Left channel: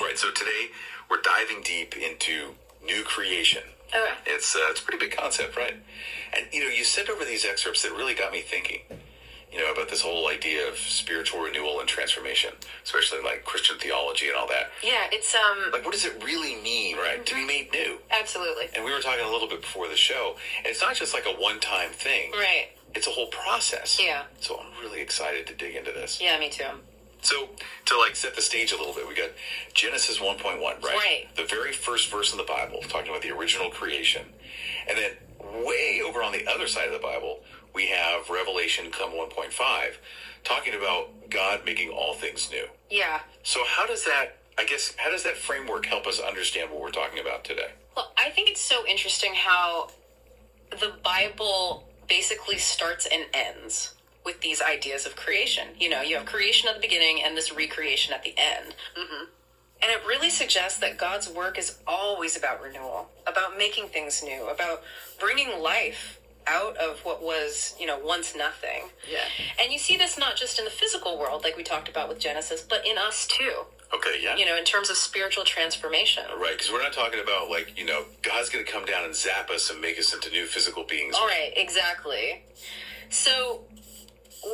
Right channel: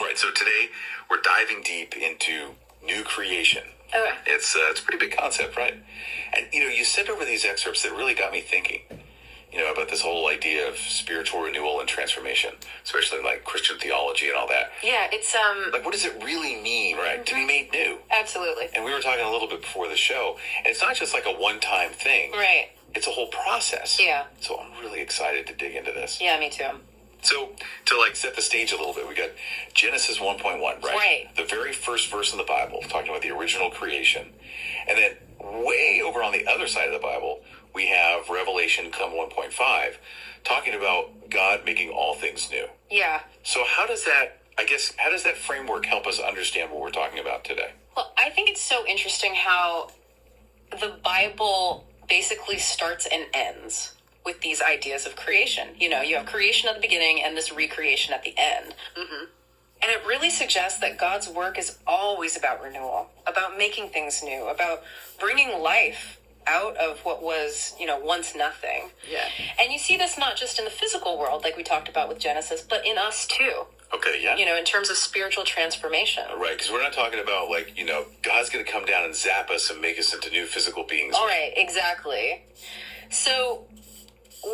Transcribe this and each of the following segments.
Right. So today we're diving deep into new creation. Okay. It's a pretty big concept, right? And, you sent over these excerpts that really got me thinking, about this whole idea of spiritual renewal and transformation, especially like Christian theology and all that. Yeah, it's, Like, what does it really mean, right, to be made new? Absolutely. And we were talking a little bit before the show, and it's not just like a one-time thing. Right. It's a whole process. Yeah. So I'm really excited to dig into this. Yeah, me too. So, to set the stage a little bit, we got Genesis 1.1, right? Right. The very first verse in the Bible, talking about the original creation. And then way over on the other side of the Bible, we have Revelation 1.5, talking about God making all things new. Yeah. So how does that framework help us understand what we're talking about today? Well, I think it's so interesting how the Bible basically starts and ends with these ideas of creation. You have creation at the beginning and this recreation at the end. Mm-hmm. And it really suggests that God's work is always about renewal, about making things new, about bringing life out of what was, once nothing. Yeah. And you see this not just in the physical world, like we talked about with Genesis, but in us too. Okay, yeah. In terms of spiritual transformation. Right, because we're not talking about, God's going to come down and zap us and make us into new physical beings. All right, exactly. So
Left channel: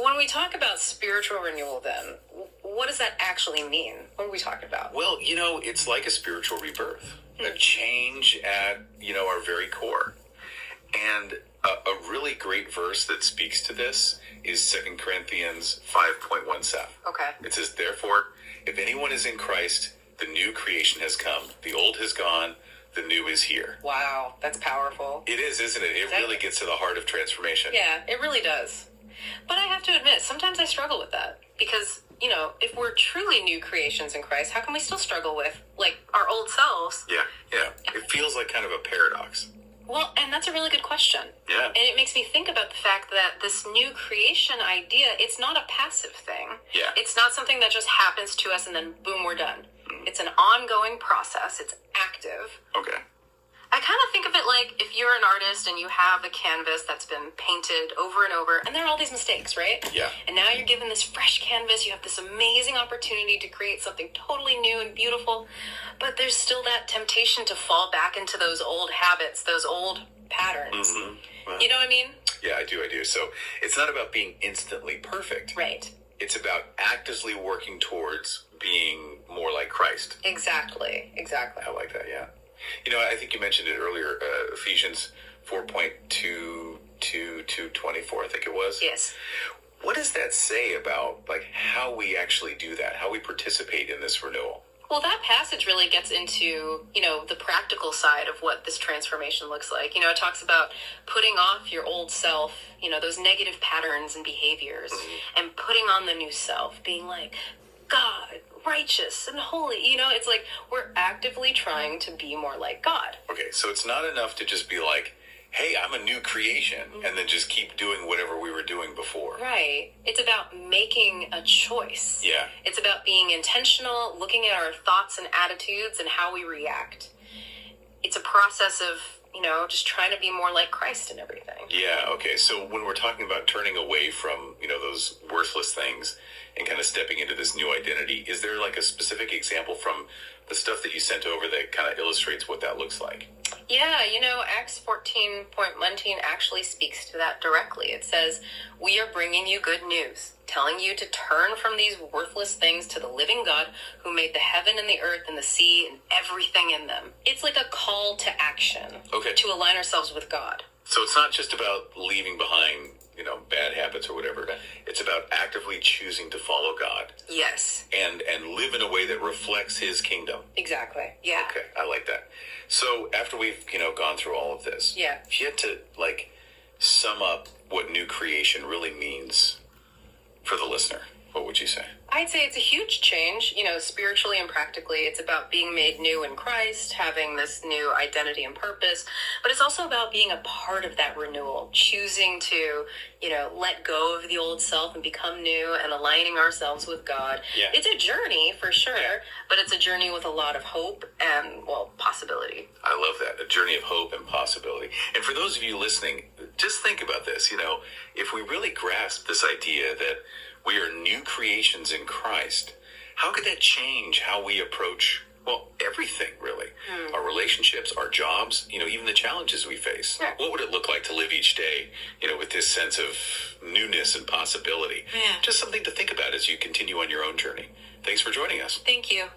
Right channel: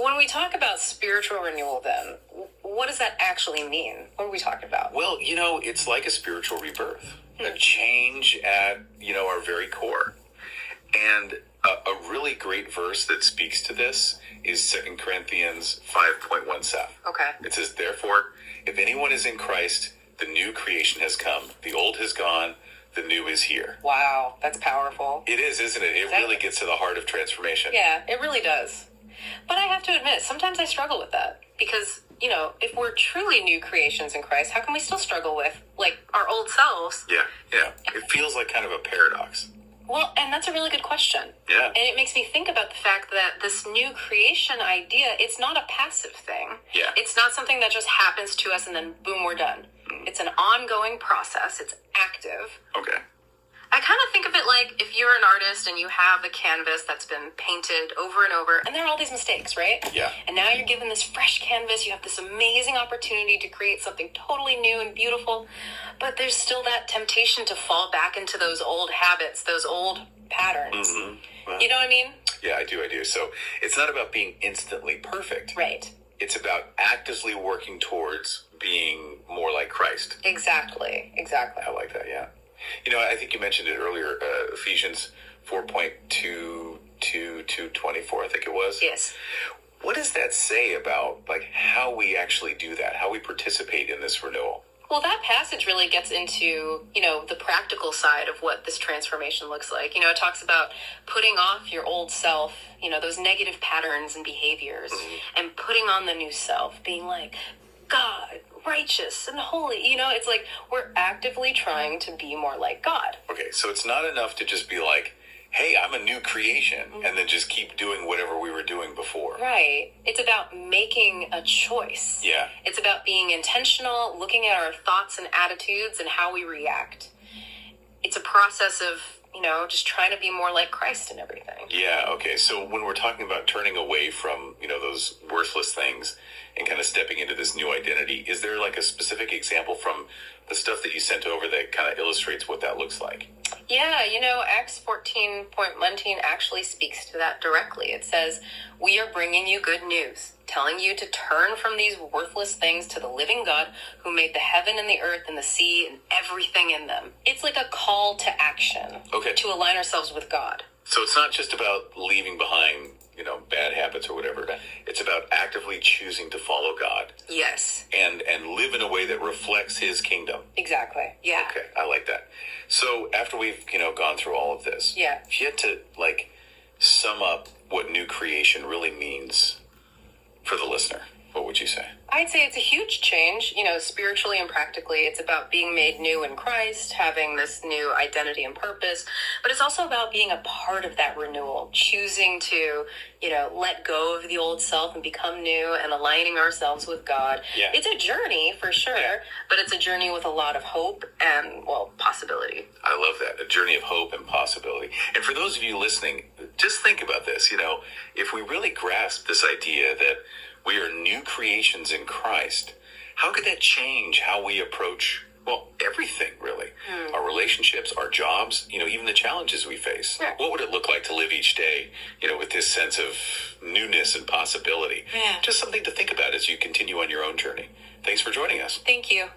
when we talk about spiritual renewal, then, what does that actually mean? What are we talking about? Well, it's like a spiritual rebirth, a change at, our very core. And a really great verse that speaks to this is 2 Corinthians 5.17. Okay. It says, therefore, if anyone is in Christ, the new creation has come. The old has gone. The new is here. Wow, that's powerful. It is, isn't it? It really gets to the heart of transformation. Yeah, it really does. But I have to admit, sometimes I struggle with that. Because, if we're truly new creations in Christ, how can we still struggle with, our old selves? Yeah. It feels like kind of a paradox. Well, and that's a really good question. Yeah. And it makes me think about the fact that this new creation idea, it's not a passive thing. Yeah. It's not something that just happens to us and then boom, we're done. It's an ongoing process. It's active. Okay. I kind of think of it like if you're an artist and you have a canvas that's been painted over and over, and there are all these mistakes, right? Yeah. And now you're given this fresh canvas, you have this amazing opportunity to create something totally new and beautiful, but there's still that temptation to fall back into those old habits, those old patterns. Mm-hmm. You know what I mean? Yeah, I do. So it's not about being instantly perfect. Right. It's about actively working towards being more like Christ. Exactly. I like that, yeah. I think you mentioned it earlier, Ephesians 4.2 to 24, I think it was. Yes. What does that say about, how we actually do that, how we participate in this renewal? Well, that passage really gets into, the practical side of what this transformation looks like. It talks about putting off your old self, those negative patterns and behaviors, and putting on the new self, being like, God, righteous and holy. It's like we're actively trying to be more like God. Okay, so it's not enough to just be like, hey, I'm a new creation, and then just keep doing whatever we were doing before. Right. It's about making a choice. Yeah. It's about being intentional, looking at our thoughts and attitudes and how we react. It's a process of, just trying to be more like Christ and everything. Yeah, okay. So when we're talking about turning away from, those worthless things and kind of stepping into this new identity, is there a specific example from the stuff that you sent over that kind of illustrates what that looks like? Yeah, Acts 14.19 actually speaks to that directly. It says, we are bringing you good news, telling you to turn from these worthless things to the living God who made the heaven and the earth and the sea and everything in them. It's like a call to action. Okay. To align ourselves with God. So it's not just about leaving behind, bad habits or whatever. It's about actively choosing to follow God. Yes. And live in a way that reflects his kingdom. Exactly. Yeah. Okay, I like that. So after we've, gone through all of this, yeah, if you had to, sum up what new creation really means for the listener, what would you say? I'd say it's a huge change, spiritually and practically. It's about being made new in Christ, having this new identity and purpose, but it's also about being a part of that renewal, choosing to, let go of the old self and become new and aligning ourselves with God. Yeah. It's a journey for sure, but it's a journey with a lot of hope and, possibility. I love that, a journey of hope and possibility. And for those of you listening, just think about this, if we really grasp this idea that we are new creations in Christ, how could that change how we approach Well, everything, really. Our relationships, our jobs, even the challenges we face. Sure. What would it look like to live each day, with this sense of newness and possibility? Yeah. Just something to think about as you continue on your own journey. Thanks for joining us. Thank you.